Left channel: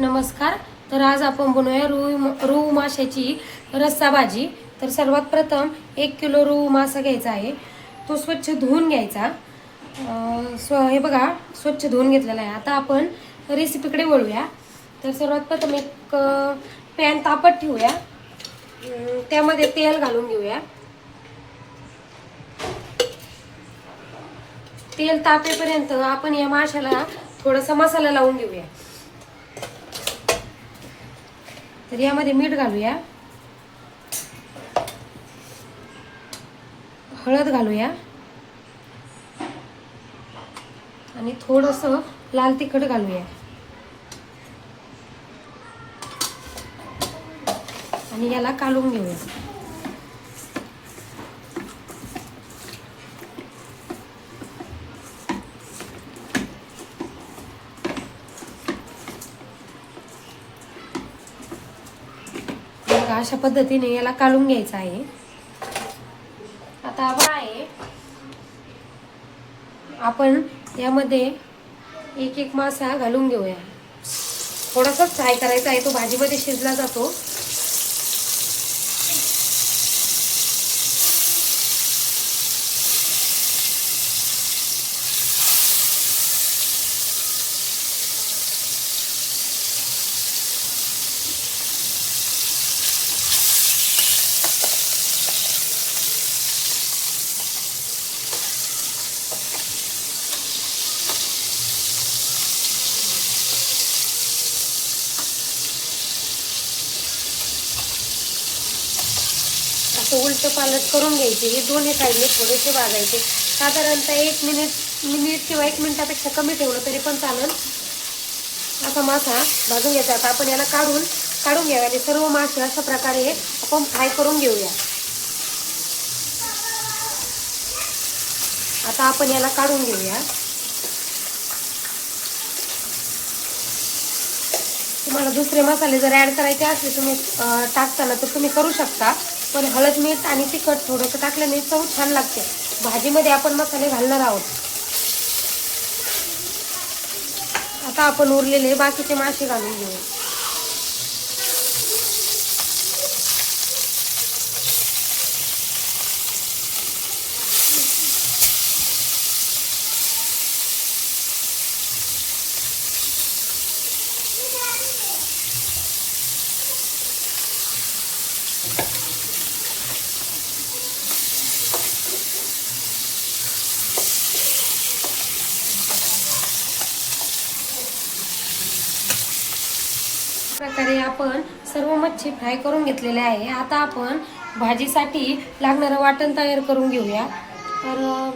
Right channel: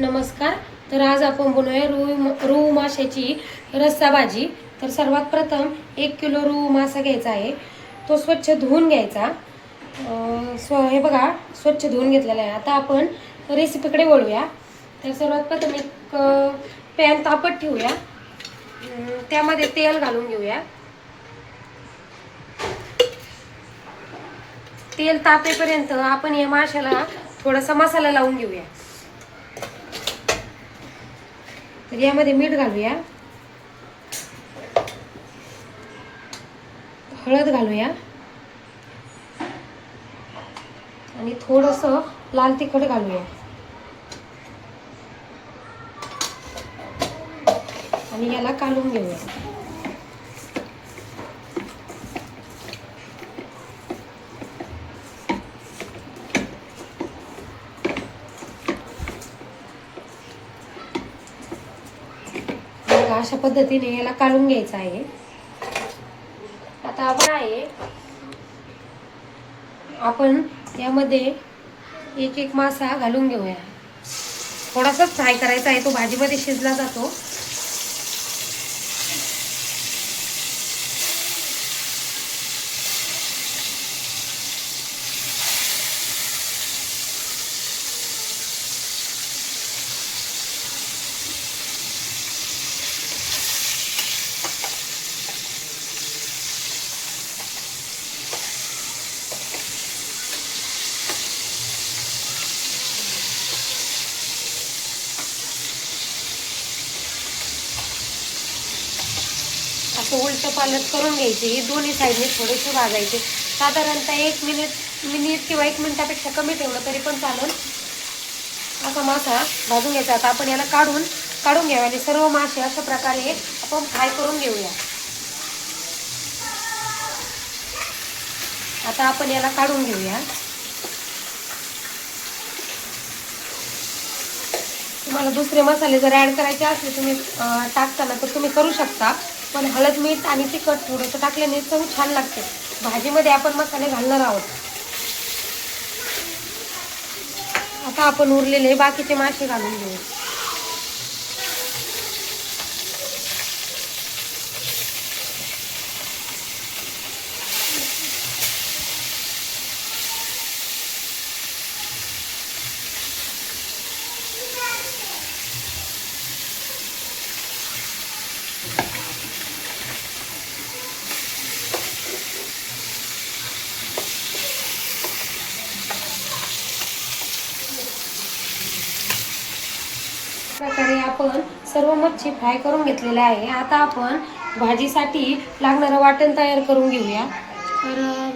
नमस्कार. तर आज आपण बनवूया रूई रोहू माशाची रस्सा भाजी. तर सर्वात प्रथम एक किलो रोहू मासा घ्यायचा आहे. तो स्वच्छ धुवून घ्यायचा. स्व हे बघा स्वच्छ धुवून घेतलेला आहे. आता आपण रेसिपीकडे वळूया. तर सर्वात प्रथम एक पॅन तापत ठेवूया. त्यामध्ये तेल घालून घेऊया. तेल तापेपर्यंत आपण या माशाला थोडासा मसाला लावून घेऊया. तर यामध्ये मीठ घालूया. हळद घालूया. आणि थोडस लाल तिखट घालूया. आणि याला काढून घेऊया बघा, अशा पद्धतीने याला काढून घ्यायचं आहे. आता आहे. आपण यामध्ये एक एक मासा घालून घेऊया. थोडासाच फ्राय करायचा आहे तो भाजीमध्ये शिजला जातो असं उलट पालट करून हे दोन्ही साईडने थोडेसे भाजायचे. साधारणतः एक मिनिट मिनिट किंवा एक मिनिटापेक्षा कमी ठेवलं तरी पण चालेल. असा मासा भाजून घ्यायचा. आता आपण याला काढून काढून घ्यावा आणि सर्व मासे अशा प्रकारे आपण फ्राय करून घेऊया. आता आपण याला काढून घेऊया. तुम्हाला दुसरे मसाले जर ॲड करायचे असले तुम्ही टाकताना तर तुम्ही करू शकता. पण हळद मीठ आणि तिखट थोडंसं टाकल्याने चव छान लागते. भाजीमध्ये आपण मसाले घालणार आहोत. आता आपण उरलेले बाकीचे मासे घालून घेऊ. प्रकारे आपण सर्व मच्छी फ्राय करून घेतलेले आहे. आता आपण भाजीसाठी लागणारं वाटण तयार करून घेऊया. तर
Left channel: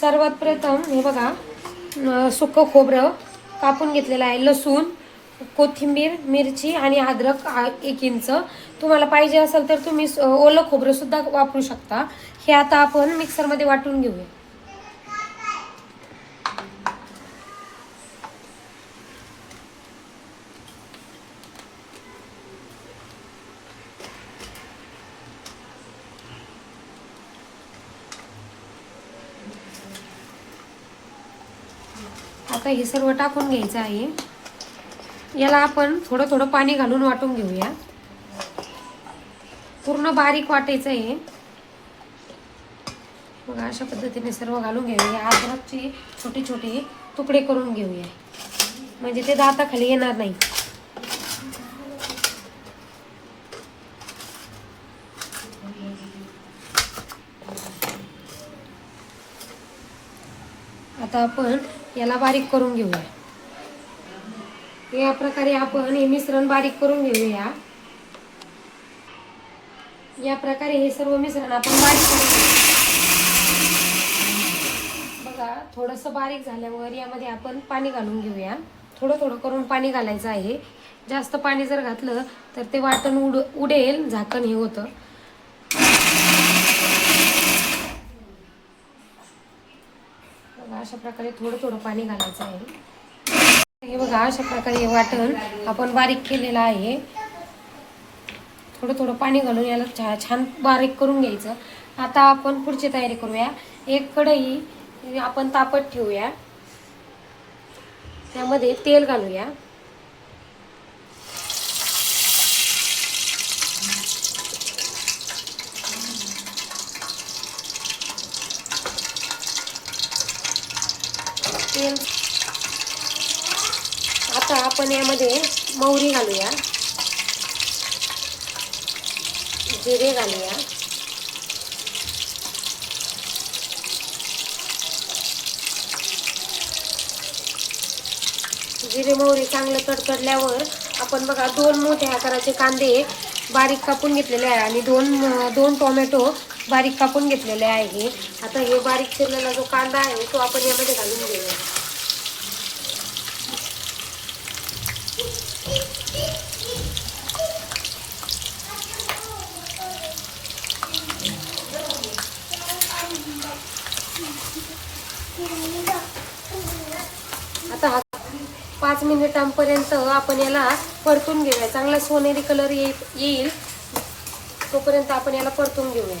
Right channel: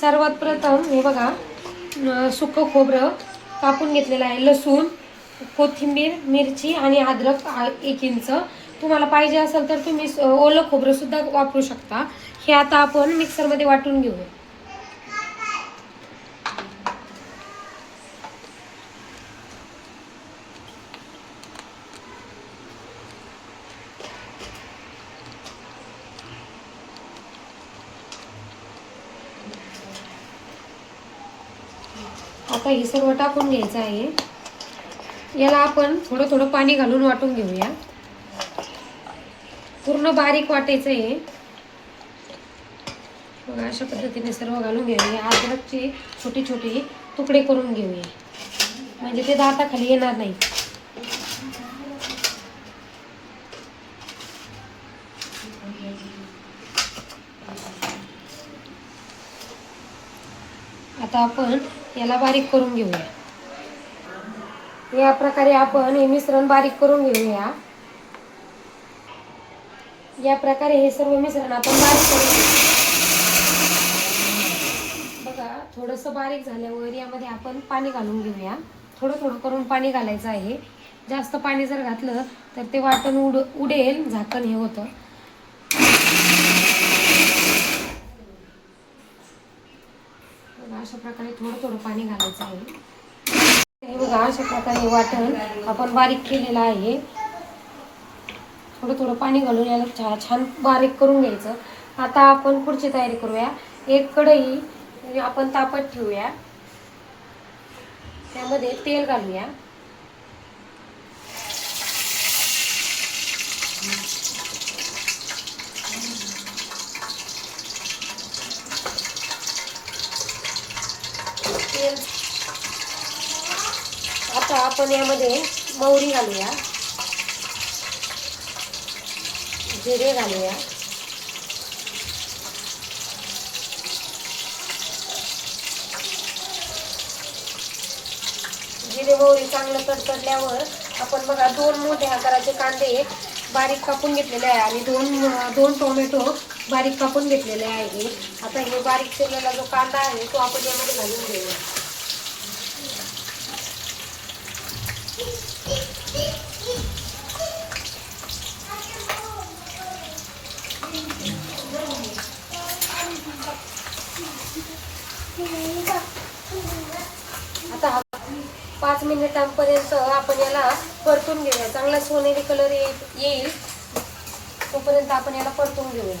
सर्वात प्रथम हे बघा सुकं खोबरं कापून घेतलेलं आहे. लसूण कोथिंबीर मिरची आणि अद्रक आ- एक इंच. तुम्हाला पाहिजे असेल तर तुम्ही स- ओलं खोबरंसुद्धा वापरू शकता. हे आता आपण मिक्सरमध्ये वाटून घेऊया. आता हे सर्व टाकून घ्यायचं आहे. याला आपण थोडं थोडं पाणी घालून वाटून घेऊया. पूर्ण बारीक वाटायचं आहे. बघा अशा पद्धतीने सर्व घालून घेऊया. अद्रकचे छोटे छोटे तुकडे करून घेऊया. म्हणजे ते दाताखाली येणार नाही. आता आपण याला बारीक करून घेऊया. या प्रकारे आपण हे मिश्रण बारीक करून घेऊया. या प्रकारे हे सर्व मिश्रण आपण बारीक करून घेऊ बघा थोडंसं बारीक झाल्यावर यामध्ये आपण पाणी घालून घेऊया. थोडं थोडं करून पाणी घालायचं आहे. जास्त पाणी जर घातलं तर ते वाटण उड उडेल झाकण हे होतं बघा अशा प्रकारे थोडं थोडं पाणी घालायचं आहे. हे बघा अशा प्रकारे वाटण आपण बारीक केलेलं आहे. थोडं थोडं पाणी घालून याला छा छान बारीक करून घ्यायचं. आता आपण पुढची तयारी करूया. एक कढई आपण तापत ठेवूया. त्यामध्ये तेल घालूया. तेल. आता आपण यामध्ये मोहरी घालूया. जिरे घालूया. जिरे मोहरी चांगलं कडकडल्यावर आपण बघा दोन मोठ्या आकाराचे कांदे बारीक कापून घेतलेले आहे आणि दोन दोन टोमॅटो बारीक कापून घेतलेले आहे. आता हे बारीक चिरलेला जो कांदा आहे तो आपण यामध्ये घालून घेऊया. आता पाच मिनिटांपर्यंत आपण याला परतून घेऊया. चांगला सोनेरी कलर येईल. तोपर्यंत आपण याला परतून घेऊया.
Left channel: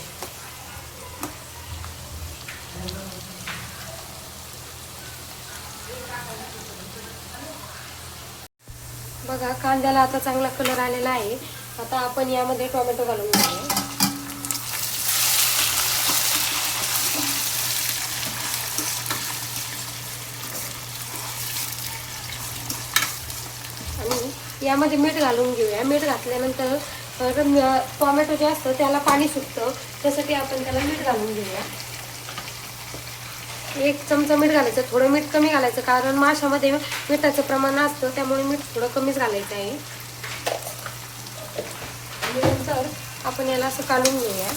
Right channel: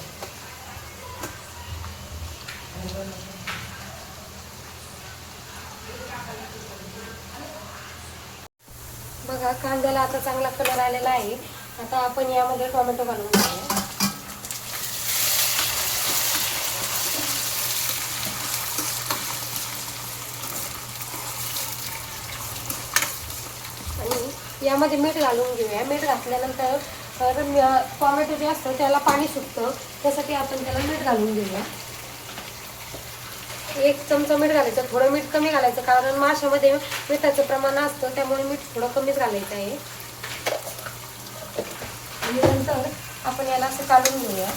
बघा कांद्याला आता चांगला कलर आलेला आहे. आता आपण यामध्ये टोमॅटो घालून घेऊया. आणि यामध्ये मीठ घालून घेऊया. मीठ घातल्यानंतर टोमॅटो जे असतं त्याला पाणी सुटतं. त्यासाठी आपण त्याला मीठ घालून घेऊया. एक चमचा मीठ घालायचं थोडं मीठ कमी घालायचं कारण माशामध्ये मिठाचं प्रमाण असतं त्यामुळे मीठ थोडं कमीच घालायचं आहे. आणि नंतर आपण याला असं काढून घेऊया.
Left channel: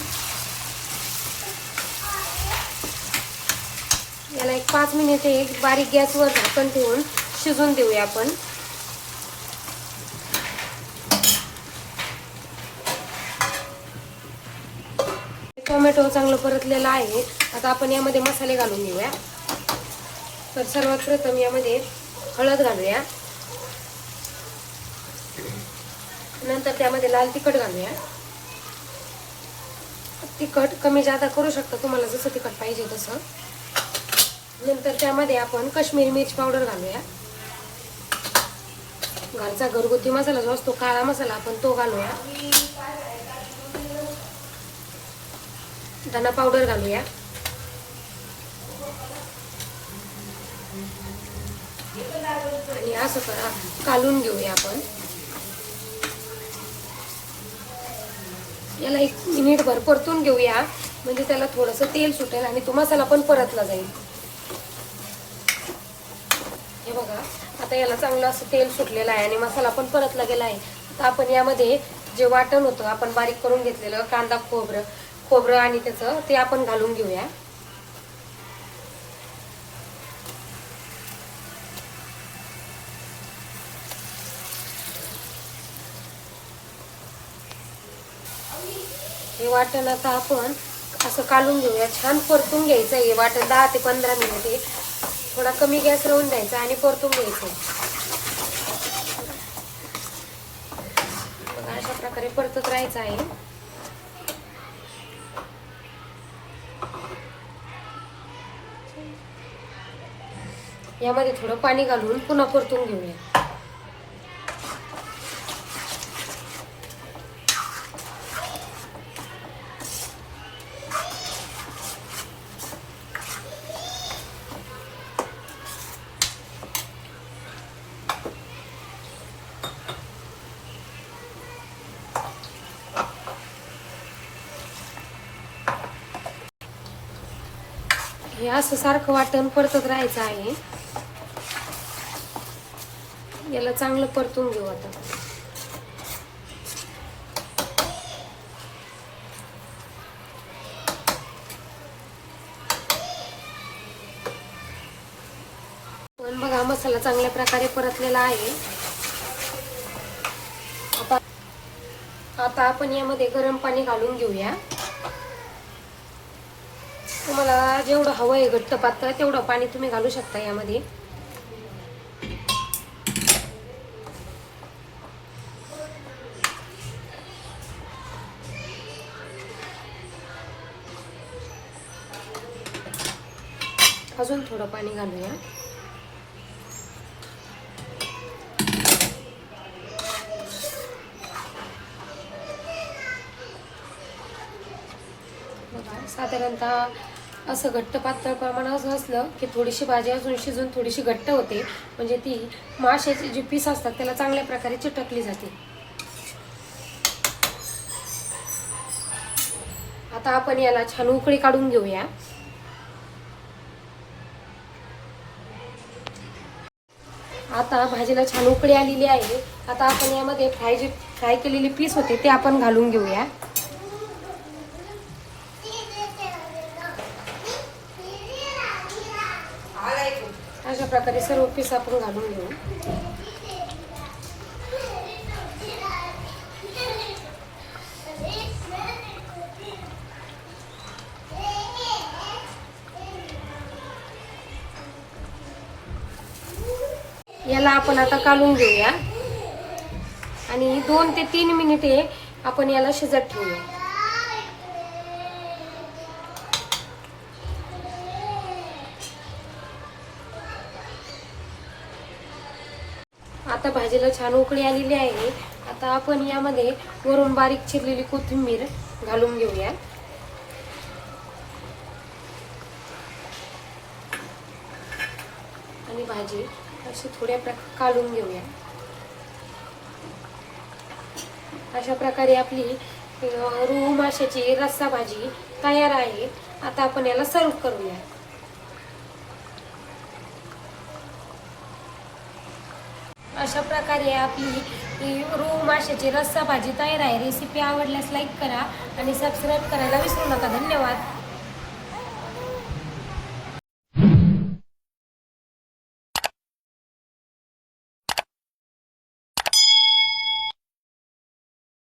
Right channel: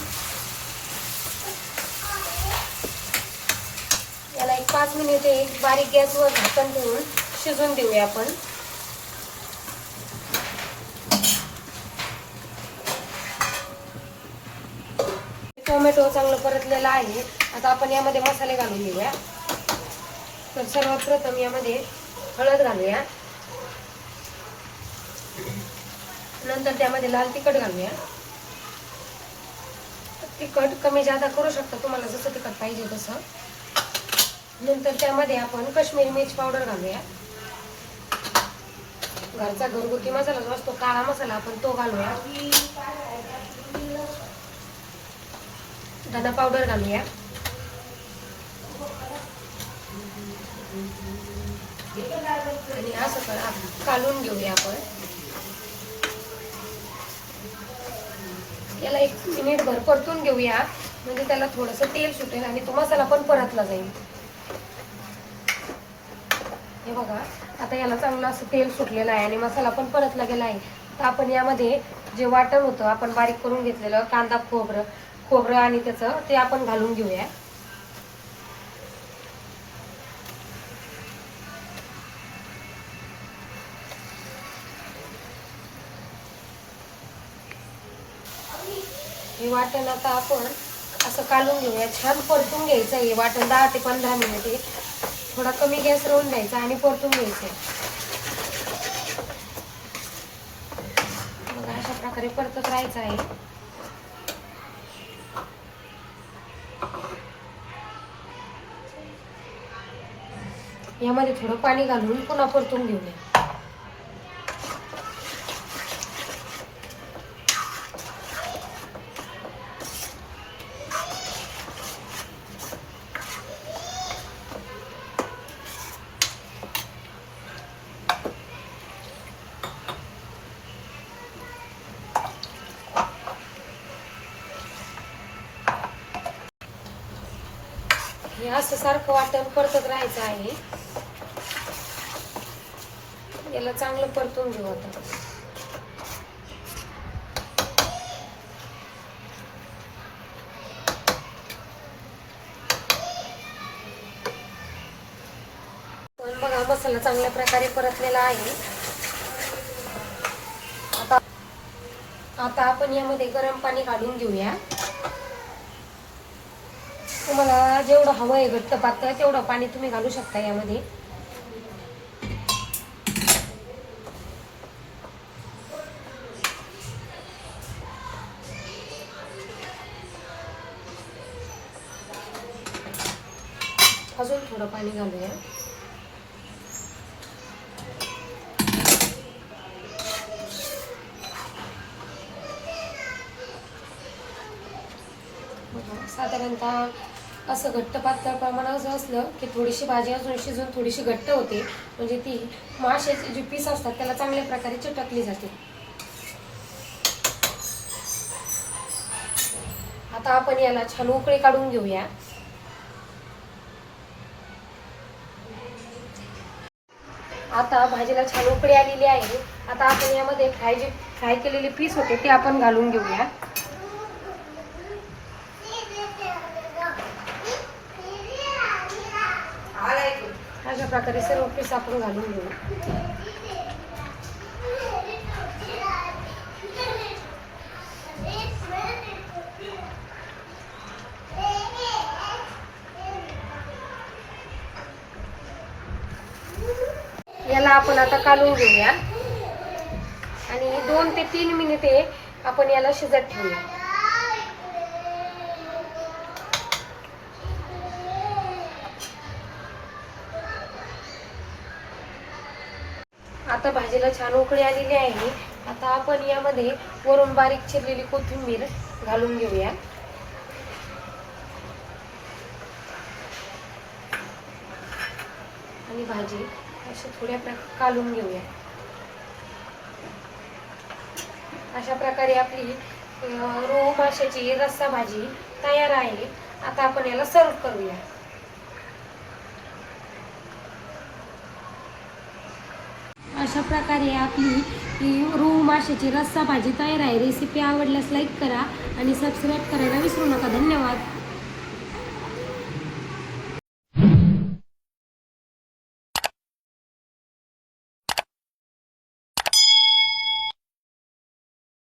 याला एक पाच मिनिटे एक बारीक गॅसवर झाकण ठेवून शिजून देऊया आपण. टोमॅटो चांगलं परतलेलं आहे. आता आपण यामध्ये मसाले घालून घेऊया. तर सर्वात प्रथम यामध्ये हळद घालूया. नंतर त्यामध्ये लाल तिखट घालूया. तिखट कमी जादा करू शकता तुम्हाला जसं तिखट पाहिजे तसं. नंतर त्यामध्ये आपण कश्मीरी मिरची पावडर घालूया. घरचा घरगुती मसाला जो असतो काळा मसाला आपण तो घालूया. धना पावडर घालूया. आणि असं कालून घेऊया आपण. याला एक मिनिटभर परतून घेऊया. म्हणजे त्याला थोडंसं तेल सुटेल आणि तो मसाला पण परतला जाईल. हे बघा आता याला चांगलं असं तेल सुटलेलं आहे आणि मसाला पण परतला गेला आहे. तर आपण यामध्ये जे वाटण होतं आपण बारीक करून घेतलेलं कांदा खोबरं खोबरं आणि त्याचं ते आपण घालून घेऊया. हे वाटण आता आपण असं कालून घेऊया. छान परतून घ्यायचं हे वाटण दहा ते पंधरा मिनिटे थोडा कमी गॅस राहून द्यायचा आणि परतून घ्यायचं अशा प्रकारे परतत राहायचं आहे. यामध्ये थोडं पाणी घालून पुन्हा परतून घेऊया. असं सारखं वाटण परतत राहायचं आहे. याला चांगलं परतून घेऊ आता पण बघा मसाला चांगल्या प्रकारे परतलेला आहे. आता आता आपण यामध्ये गरम पाणी घालून घेऊया. तुम्हाला जेवढं हवं आहे घट्ट पातळ तेवढं पाणी तुम्ही घालू शकता यामध्ये. अजून थोडं पाणी घालूया. साधारणतः असं घट्ट पातळ प्रमाणात असलं की थोडीशी भाजी अजून शिजून थोडीशी घट्ट होते. म्हणजे ती माशाचे जे पीस असतात त्याला चांगल्या प्रकारे चिटकली जाते. आता आपण याला छान उकळी काढून घेऊया. आता भाजीला छान उकळी आलेली आहे. आता आपण यामध्ये फ्राय जे फ्राय केलेले पीस होते ते आपण घालून घेऊया. अशा प्रकारे सर्व पीस आपण घालून घेऊ. याला आपण आता काढून घेऊया. आणि दोन ते तीन मिनिटे आपण याला शिजत ठेवूया. आता भाजीला छान उकळी आलेली आहे. आता आपण यामध्ये वरून बारीक चिरलेली कोथिंबीर घालून घेऊया. आणि भाजी अशी थोड्या प्रकार काढून घेऊया. अशा प्रकारे आपली रोहू माशाची रस्सा भाजी तयार आहे. आता आपण याला सर्व करूया. अशा प्रकारे आपली रोहू माशाची रस्सा भाजी तयार आहे. रेसिपी आवडल्यास लाईक करा आणि सबस्क्राईब करायला विसरू नका. धन्यवाद.